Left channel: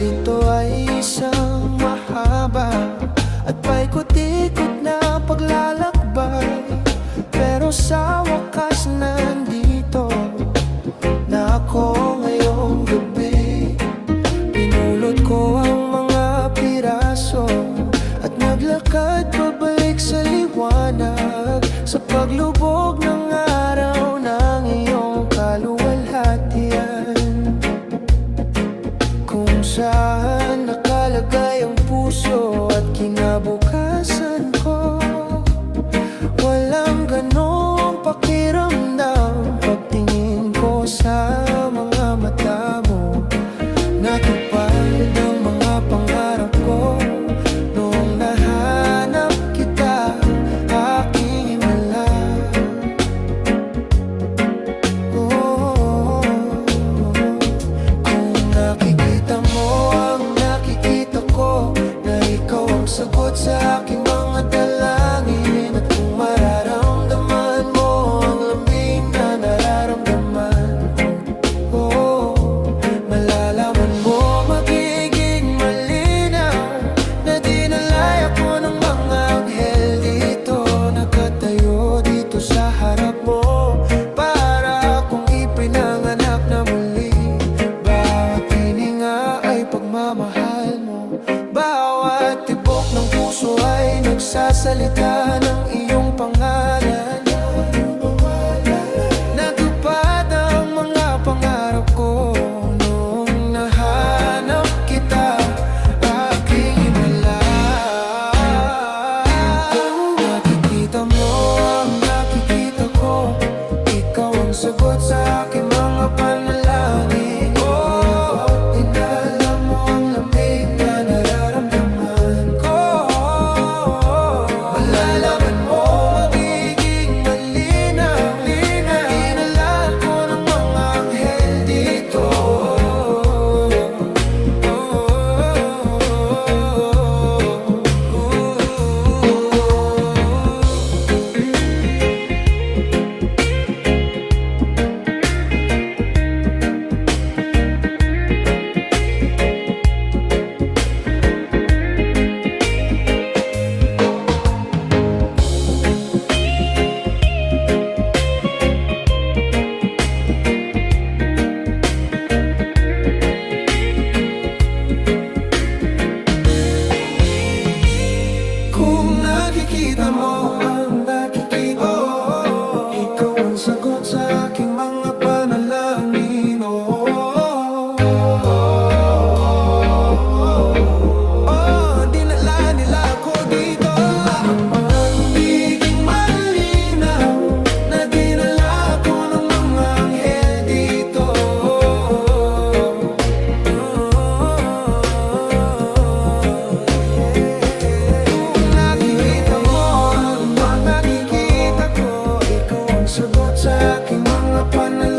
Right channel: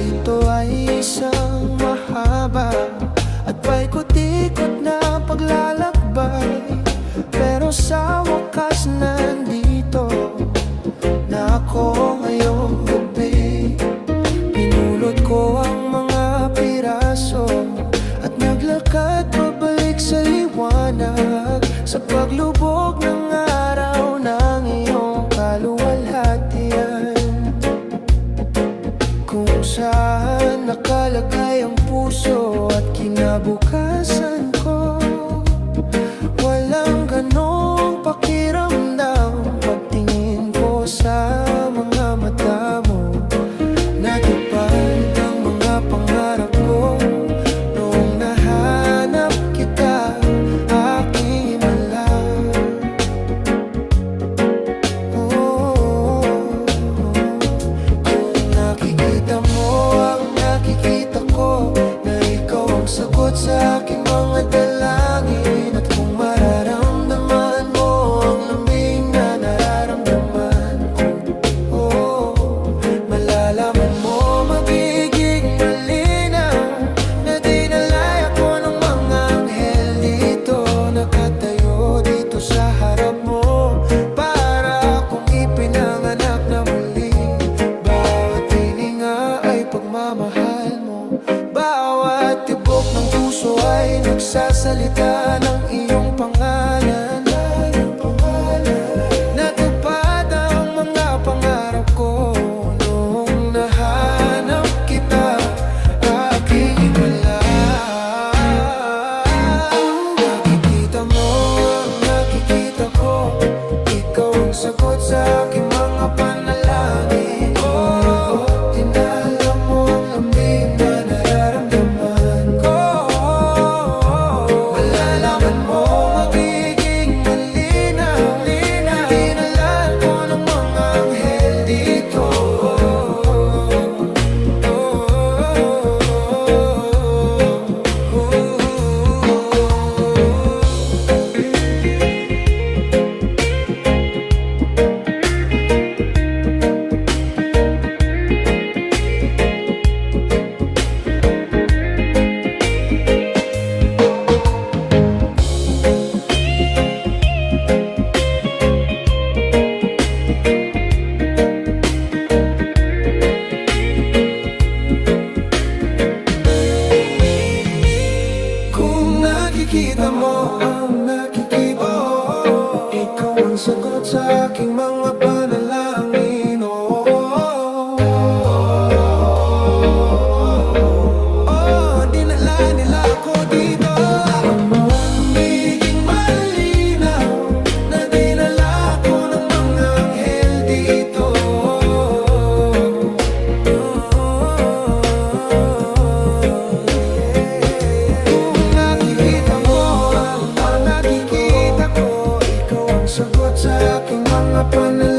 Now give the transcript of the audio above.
Ito ay isang mahaba at paikot-ikot na paglalakbay, pero sa wakas nandito na ako ngayong gabi. Pinulot ko ang mga piraso at naglakad pabalik sa liwanag, sa paglubog ng araw ng iyong kaluwalhatian, kung saan nakalagay ang puso at kinabukasan ko. Walang ganong pakiramdam pagtingin ko sa mga mata mo. Natupad ang mga pangarap ko noong nahanap kita, aking himala. Kung nakikita mo ang nakikita ko, na ikaw ang sagot sa aking mga dalangin, at kung mararamdaman mo ang lambing na nararamdaman ko, malalaman mo, magiging malinaw na dinalay ako ng mga anghel dito. Nakatayo dito sa harap mo para akong ipinanganak na muli. Bawat hininga ay pagmamahal mo, bawat tibok ng puso ay nagsasalita ng iyong pangalan. Natupad ang mga pangarap ko noong nahanap kita, aking himala. Nakikita mo ang nakikita ko, ikaw ang sagot sa aking mga panalangin. Dinala mo ang lamig na nararamdaman ko. Malalaman mo, magiging malinaw, dinala ko ng mga anghel dito. Nakikita mo ang nakikita ko, ikaw ang sagot sa aking mga panalangin. Dinala nila ako dito. Magiging malinaw na dinala ko ng mga anghel dito. Sagot sa aking mga panalangin.